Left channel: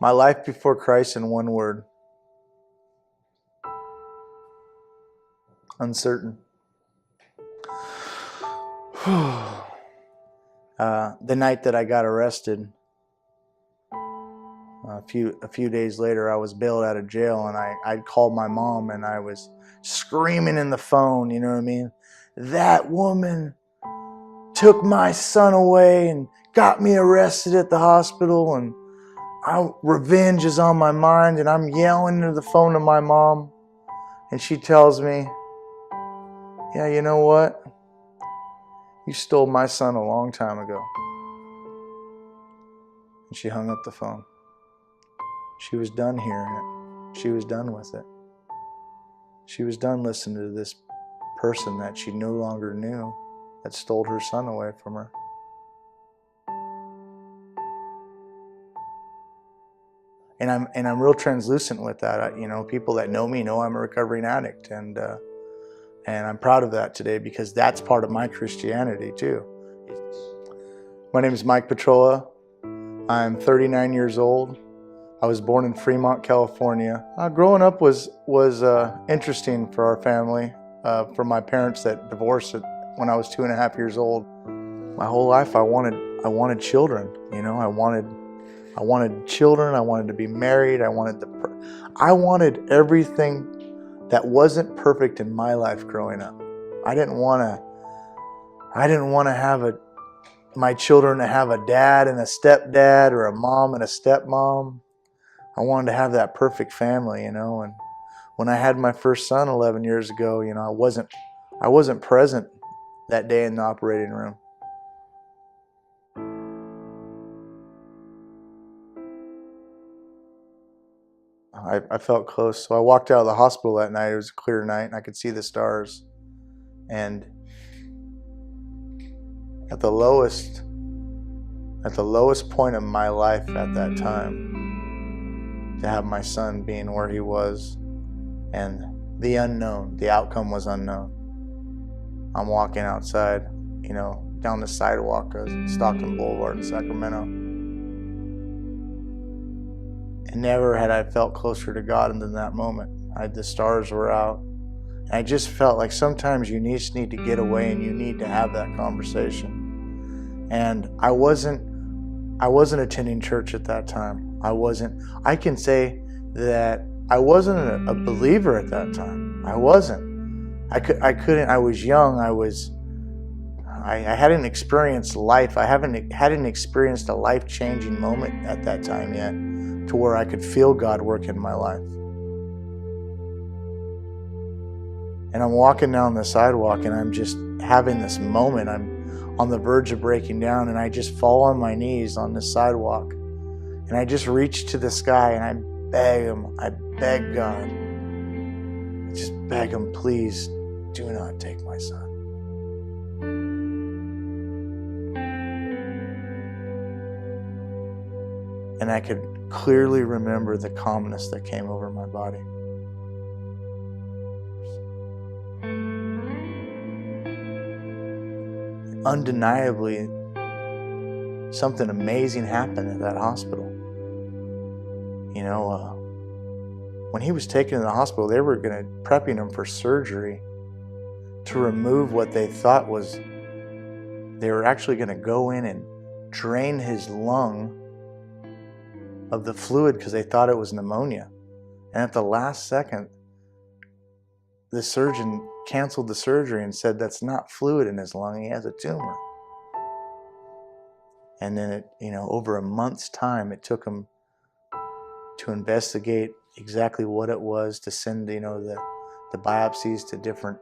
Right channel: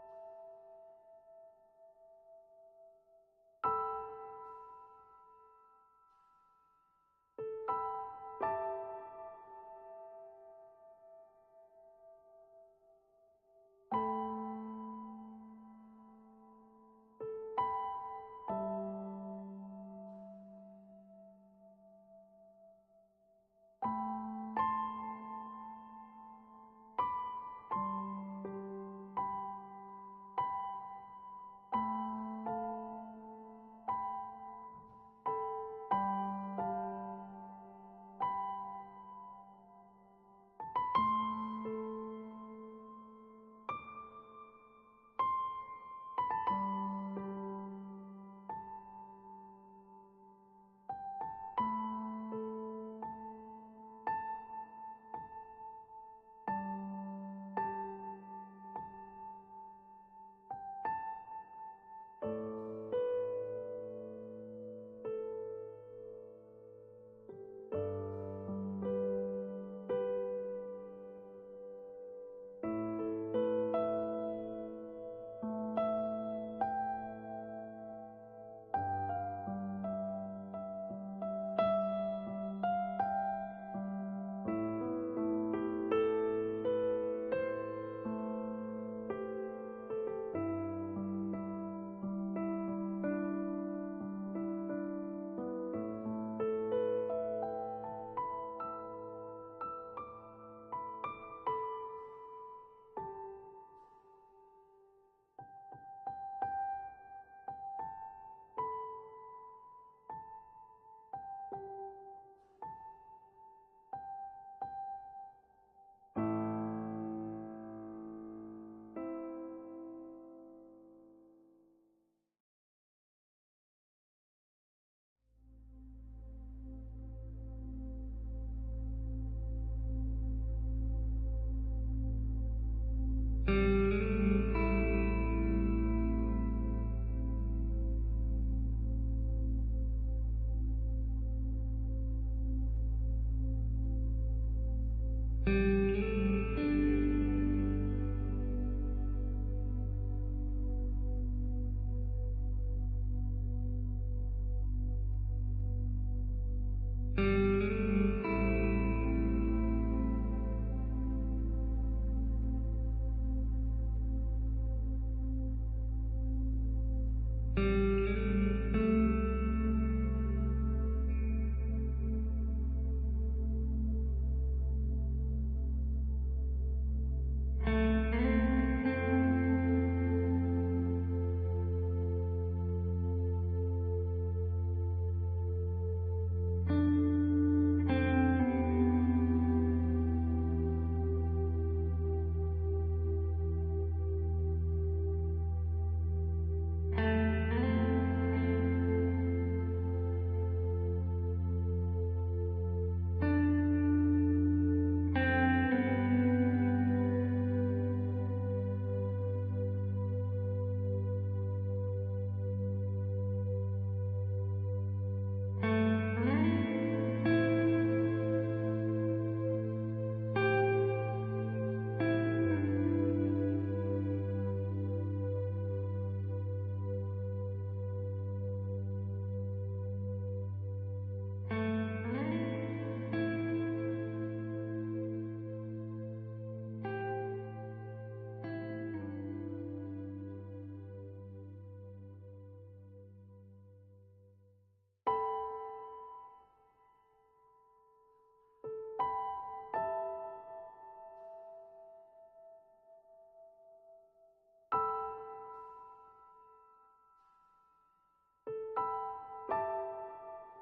My life before Christ in one word. Uncertain. The night that I got arrested, a few days later, I was bailed out of jail, and I'd called my mom, and I was screaming in the phone, you know what I mean? That woman took my son away and got me arrested at the hospital, and revenge is on my mind, and I'm yelling into the phone to my mom, and she tells me, yeah, you know what? You stole my son a long time ago. And she hung up the phone. She was done hearing it. She was done with it. She was done listening to this person that she no longer knew that stole her son away from her. And I'm real translucent with that. People that know me know I'm a recovering addict, and I'm proud of that today, because that's part of my Christianity too. My name is Mike Pitrola. I'm 39 years old. I was born in Fremont, California. Growing up was interesting for our family, for my parents that divorced when I was 2.5 years old. My whole life I wanted children. I wanted children. I wanted to be married. I wanted everything that wasn't perfect in my life growing up. I didn't want to have my children to have a dad and a stepdad, or a mom and a stepmom. I wanted to have that perfect family, and when I had my first son 11 years ago, I wasn't present that day in the operating room. I felt close. So I walked out of the hospital that night. It was a clear night, and I could see the stars. And at the lowest point of my life at that time, to have my son being where he was, and the unknown, the outcome was unknown. I'm walking outside, down the sidewalk of Stockton Boulevard in Sacramento. And never had I felt closer to God than that moment. The stars were out. And I just felt like sometimes you just need to get away, and you need to have that conversation. And I wasn't attending church at that time. I can say that I wasn't a believer at that time. I wasn't. I couldn't. I was young. I hadn't experienced life. I hadn't experienced a life-changing moment at that time yet, to where I could feel God work in my life. And I'm walking down the sidewalk, and I'm just having this moment. I'm on the verge of breaking down, and I just fall on my knees on the sidewalk. And I just reach to the sky, and I beg him. I beg God. I just beg him, please do not take my son. And I could clearly remember the calmness that came over my body. Undeniably, something amazing happened at that hospital. When he was taken to the hospital, they were prepping him for surgery to remove what they thought was, they were actually going to go in and drain his lung of the fluid, because they thought it was pneumonia. And at the last second, the surgeon canceled the surgery and said that's not fluid in his lung, he has a tumor. And then over a month's time, it took him to investigate exactly what it was, to send the biopsies to different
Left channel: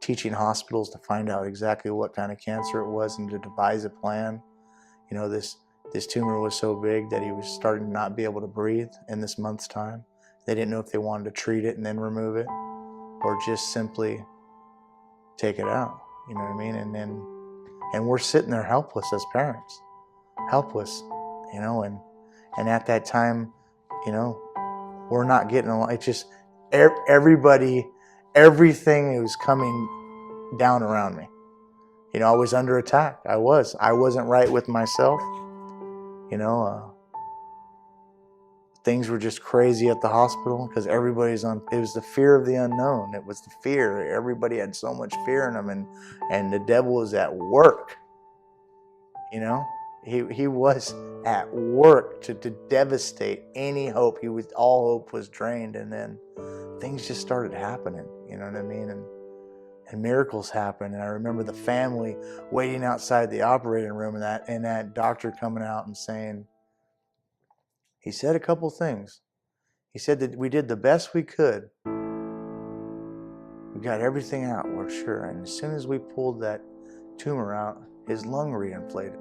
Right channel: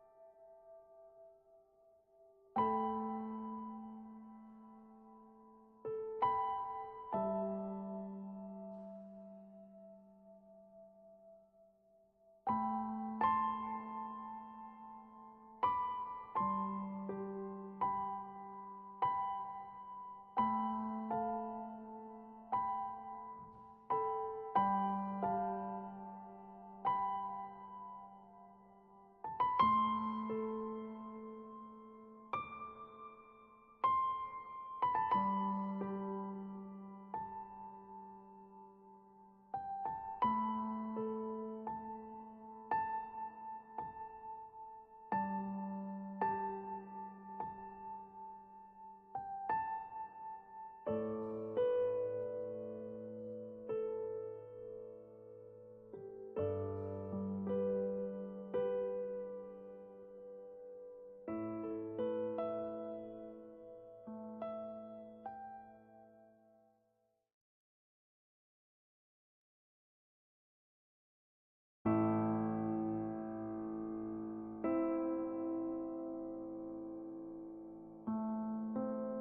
teaching hospitals to find out exactly what kind of cancer it was, and to devise a plan. This tumor was so big that he was starting to not be able to breathe in this month's time. They didn't know if they wanted to treat it and then remove it, or just simply take it out. You know what I mean? And we're sitting there helpless as parents, helpless, and at that time, we're not getting along. It's just everything was coming down around me. I was under attack. I wasn't right with myself. things were just crazy at the hospital because everybody's on. It was the fear of the unknown. It was the fear. Everybody had so much fear in them, and the devil was at work. You know, he was at work to devastate any hope. All hope was drained, and then things just started happening. You know what I mean? And miracles happened. And I remember the family waiting outside the operating room, and that doctor coming out and saying, he said a couple things. He said that we did the best we could. We got everything out, we're sure. And as soon as we pulled that tumor out, his lung reinflated.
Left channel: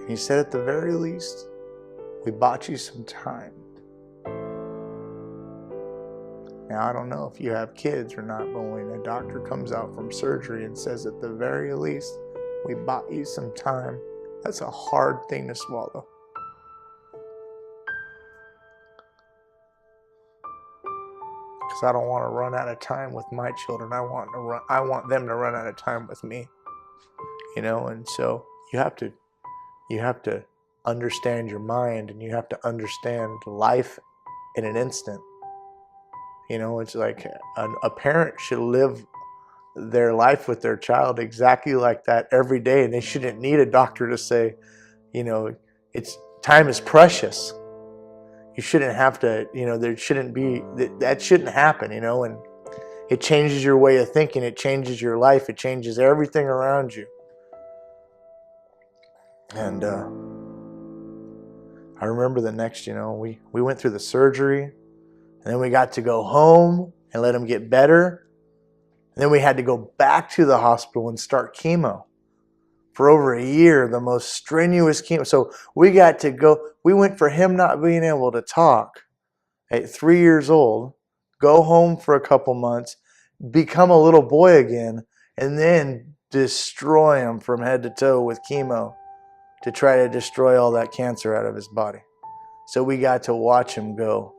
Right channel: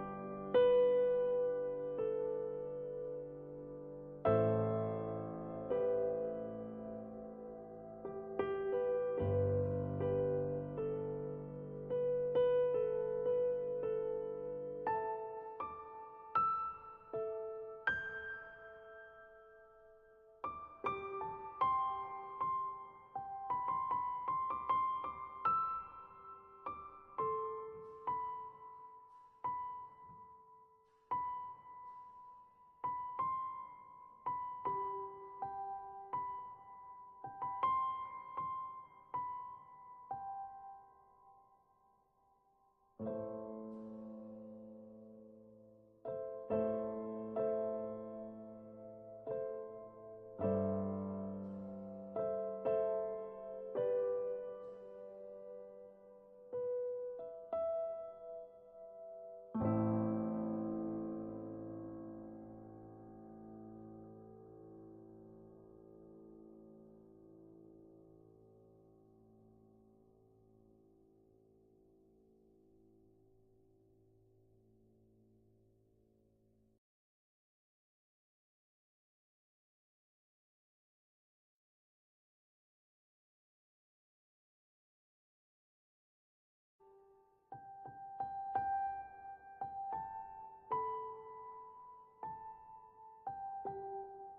And he said, at the very least, we bought you some time. Now, I don't know if you have kids or not, but when a doctor comes out from surgery and says, at the very least, we bought you some time, that's a hard thing to swallow. Because I don't want to run out of time with my children. I want them to run out of time with me. You know, and so you have to understand your mind, and you have to understand life in an instant. You know, it's like a parent should live their life with their child exactly like that every day, and they shouldn't need a doctor to say, you know, time is precious. You shouldn't have to, you know, there shouldn't be, that shouldn't happen, you know, and it changes your way of thinking, it changes your life, it changes everything around you. And I remember the next, you know, we went through the surgery, and then we got to go home and let him get better. And then we had to go back to the hospital and start chemo for over a year, the most strenuous chemo. So we went for him not being able to talk at 3 years old, go home for a couple months, become a little boy again, and then destroy him from head to toe with chemo to try to destroy all that cancer out of his body. So we got to watch him go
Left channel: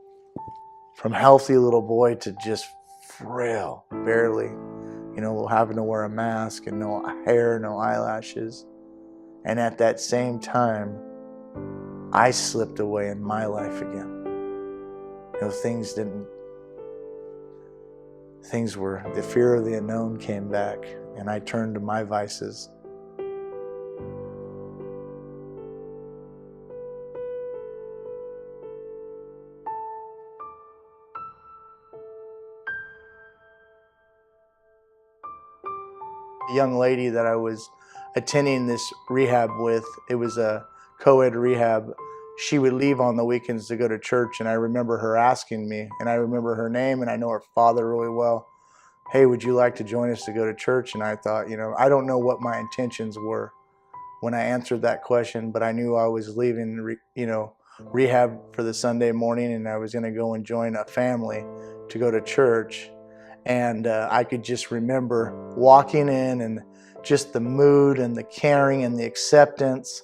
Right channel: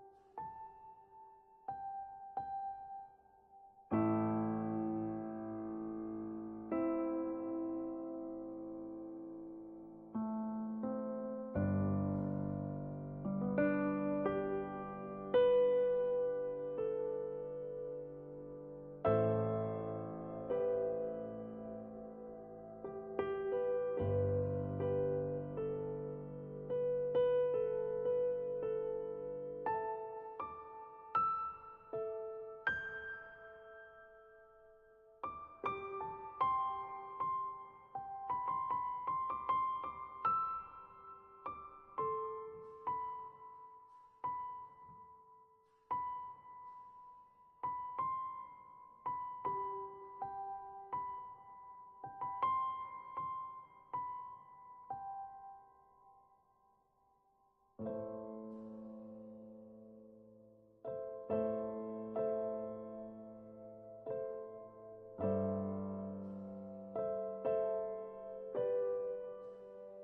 from healthy little boy to just frail, barely, you know, having to wear a mask and no hair, no eyelashes. And at that same time, I slipped away in my life again. You know, the fear of the unknown came back, and I turned to my vices. The young lady that I was attending this rehab with, it was a co-ed rehab. She would leave on the weekends to go to church, and I remember her asking me, and I remember her name, and I know her father really well. Hey, would you like to join us to go to church? And I thought, you know, I don't know what my intentions were when I answered that question, but I knew I was leaving, you know, rehab for the Sunday morning, and I was going to go and join a family to go to church. And I could just remember walking in, and just the mood and the caring and the acceptance.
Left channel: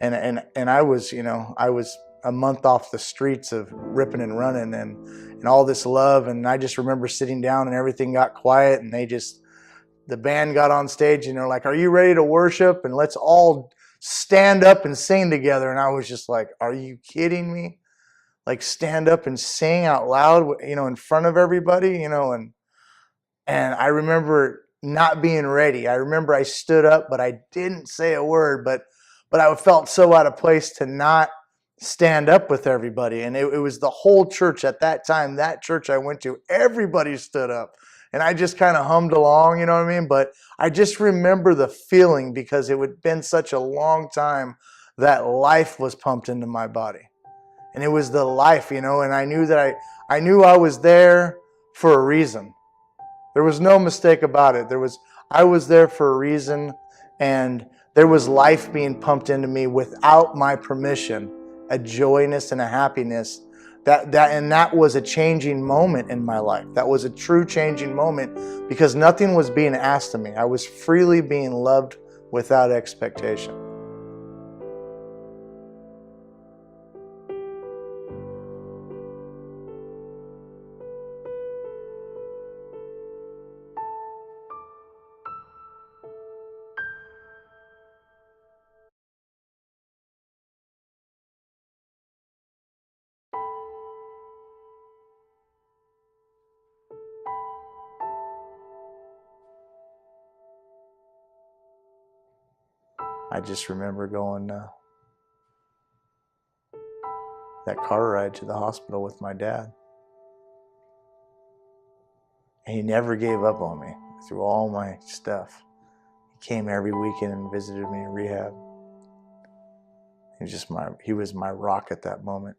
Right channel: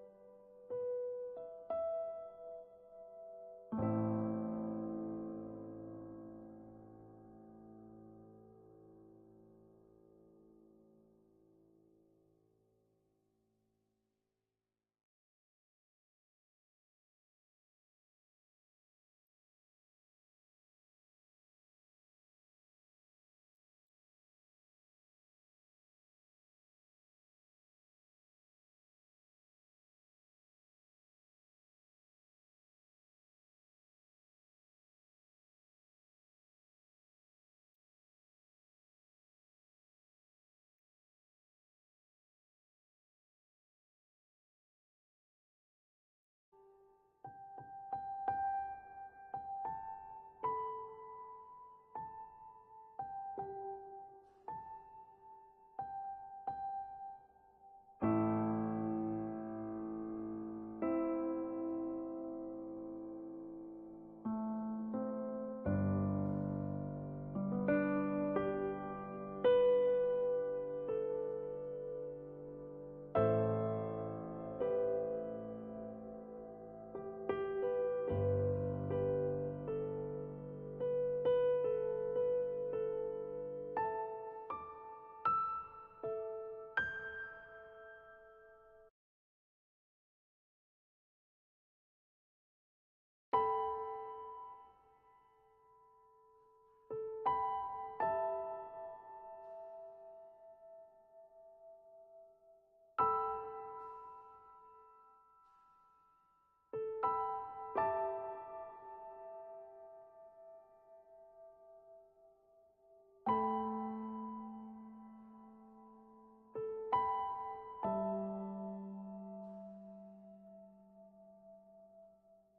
And I was, you know, I was a month off the streets of ripping and running, and all this love. And I just remember sitting down, and everything got quiet, and the band got on stage, and they're like, are you ready to worship? And let's all stand up and sing together. And I was just like, are you kidding me? Like, stand up and sing out loud, you know, in front of everybody, you know. And I remember not being ready. I remember I stood up, but I didn't say a word, but I felt so out of place to not stand up with everybody. And it was the whole church at that time, that church I went to, everybody stood up. And I just kind of hummed along, you know what I mean? But I just remember the feeling, because it had been such a long time that life was pumped into my body. And it was the life, you know, and I knew that I knew I was there for a reason. There was no mistake about it. I was there for a reason, and there was life being pumped into me without my permission, a joyness and a happiness. That was a changing moment in my life. That was a true changing moment, because nothing was being asked of me. I was freely being loved without expectation. I just remember going that car ride to the hospital with my dad. And he never gave up on me through all my stuff. He came every weekend and visited me in rehab. He was my rock at that moment.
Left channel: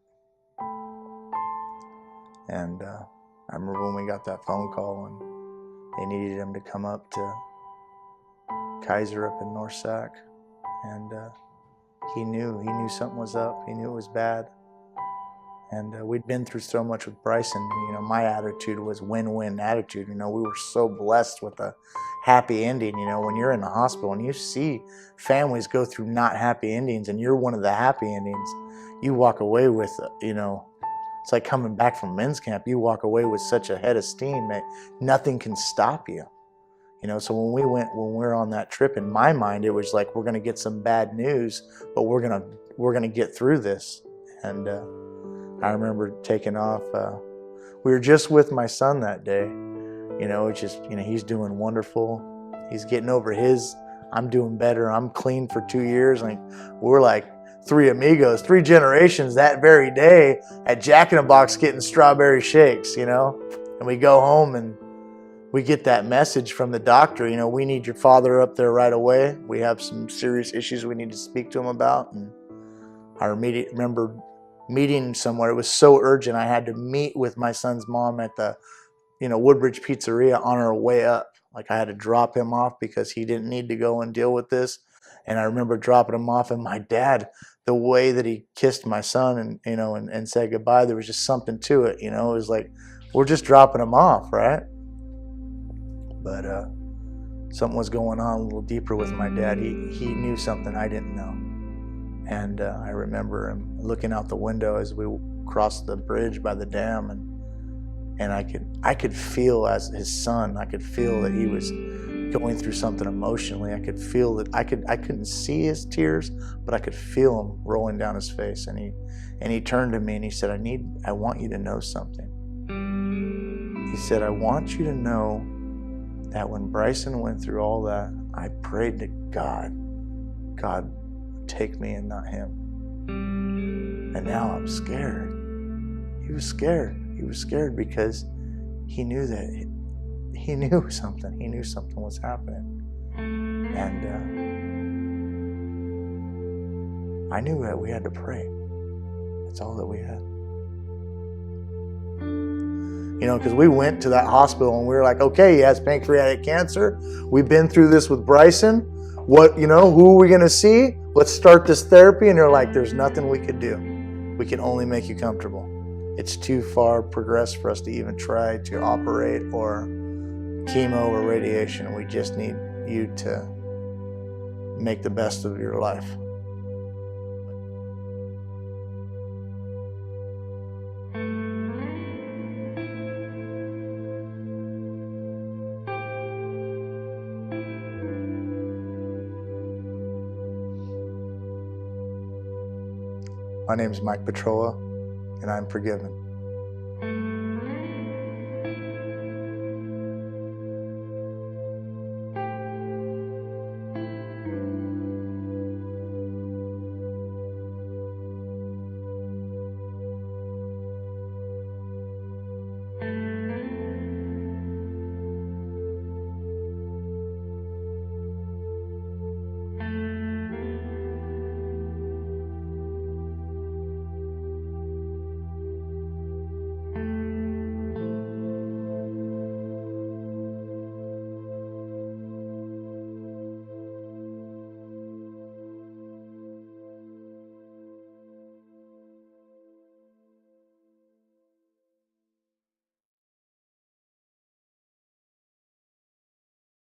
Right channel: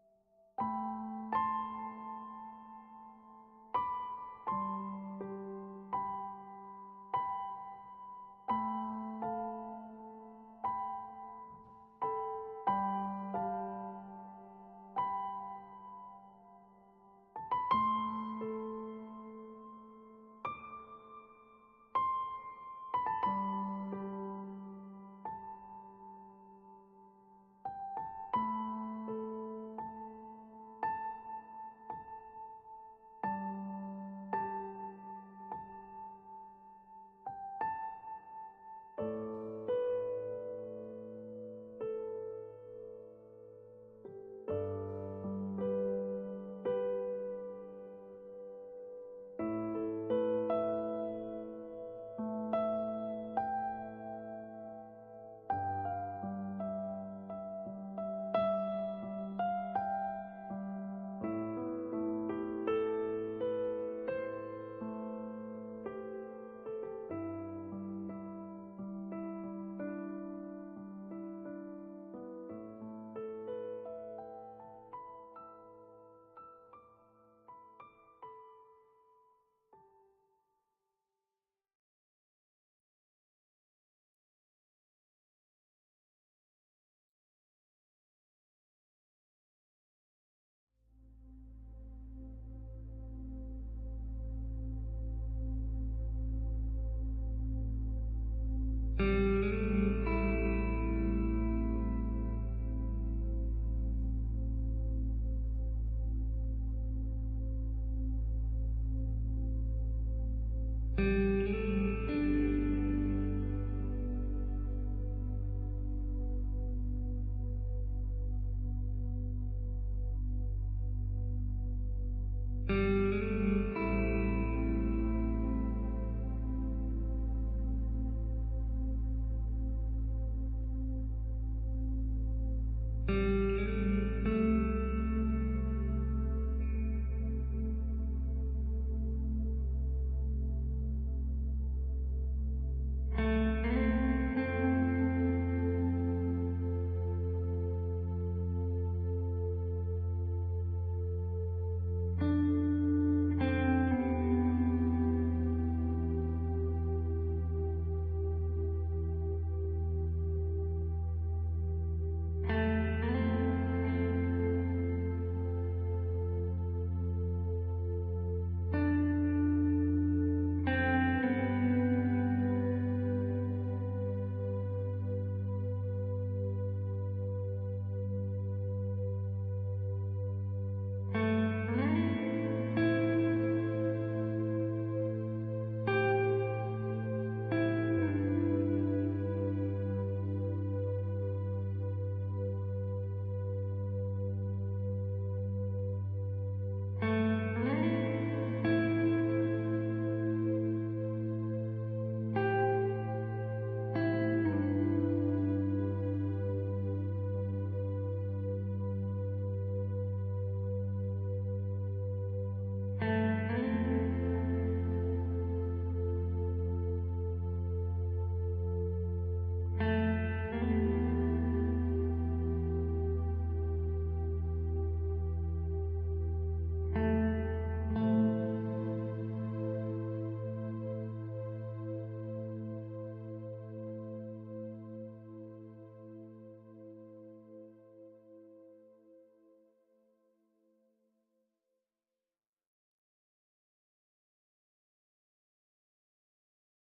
And I remember when we got that phone call and they needed him to come up to Kaiser up in North Sac. And he knew something was up. He knew it was bad. And we'd been through so much with Bryson. You know, my attitude was win-win attitude. You know, we were so blessed with a happy ending. You know, when you're in the hospital and you see families go through not happy endings and you're one of the happy endings, you walk away with, you know, it's like coming back from men's camp. You walk away with such a head of steam that nothing can stop you. You know, so when we were on that trip, in my mind, it was like, we're going to get some bad news, but we're going to get through this. And I remember taking off. We were just with my son that day. You know, it's just, you know, he's doing wonderful. He's getting over his, I'm doing better. I'm clean for 2 years. Like, we're like three amigos, 3 generations that very day at Jack in the Box getting strawberry shakes, you know. And we go home and we get that message from the doctor, you know, we need your father up there right away. We have some serious issues we need to speak to him about. And I remember meeting somewhere. It was so urgent. I had to meet with my son's mom at the, you know, Woodbridge Pizzeria on our way up. Like, I had to drop him off because he didn't need to go and deal with this. And I remember dropping him off, and my dad, the way that he kissed my son and, you know, and said goodbye, there was just something to it. You know, it was like, we're just dropping him off, right? But something was going on a little deeper with my dad. He knew something I didn't know. And I remember him looking out the window as we crossed the bridge by the dam, and I could feel, as his son, I could feel that he was going through something emotionally. I could feel that I couldn't see his tears, but I could feel them rolling down his face. And he turned to me and he said, I want you to know something. He said, I want you to know that when Bryson went through all that, I prayed to God would take me and not him. And now I'm scared. He was scared. He was scared because he knew that he knew something. He knew something was happening. And I knew that we had to pray. That's all that we had. You know, because we went to that hospital and we were like, okay, he has pancreatic cancer. We've been through this with Bryson. What, you know, who are we going to see? Let's start this therapy. And they're like, there's nothing we could do. We can only make you comfortable. It's too far progressed for us to even try to operate or chemo or radiation. We just need you to make the best of your life. My name is Mike Pitrola, and I'm forgiven.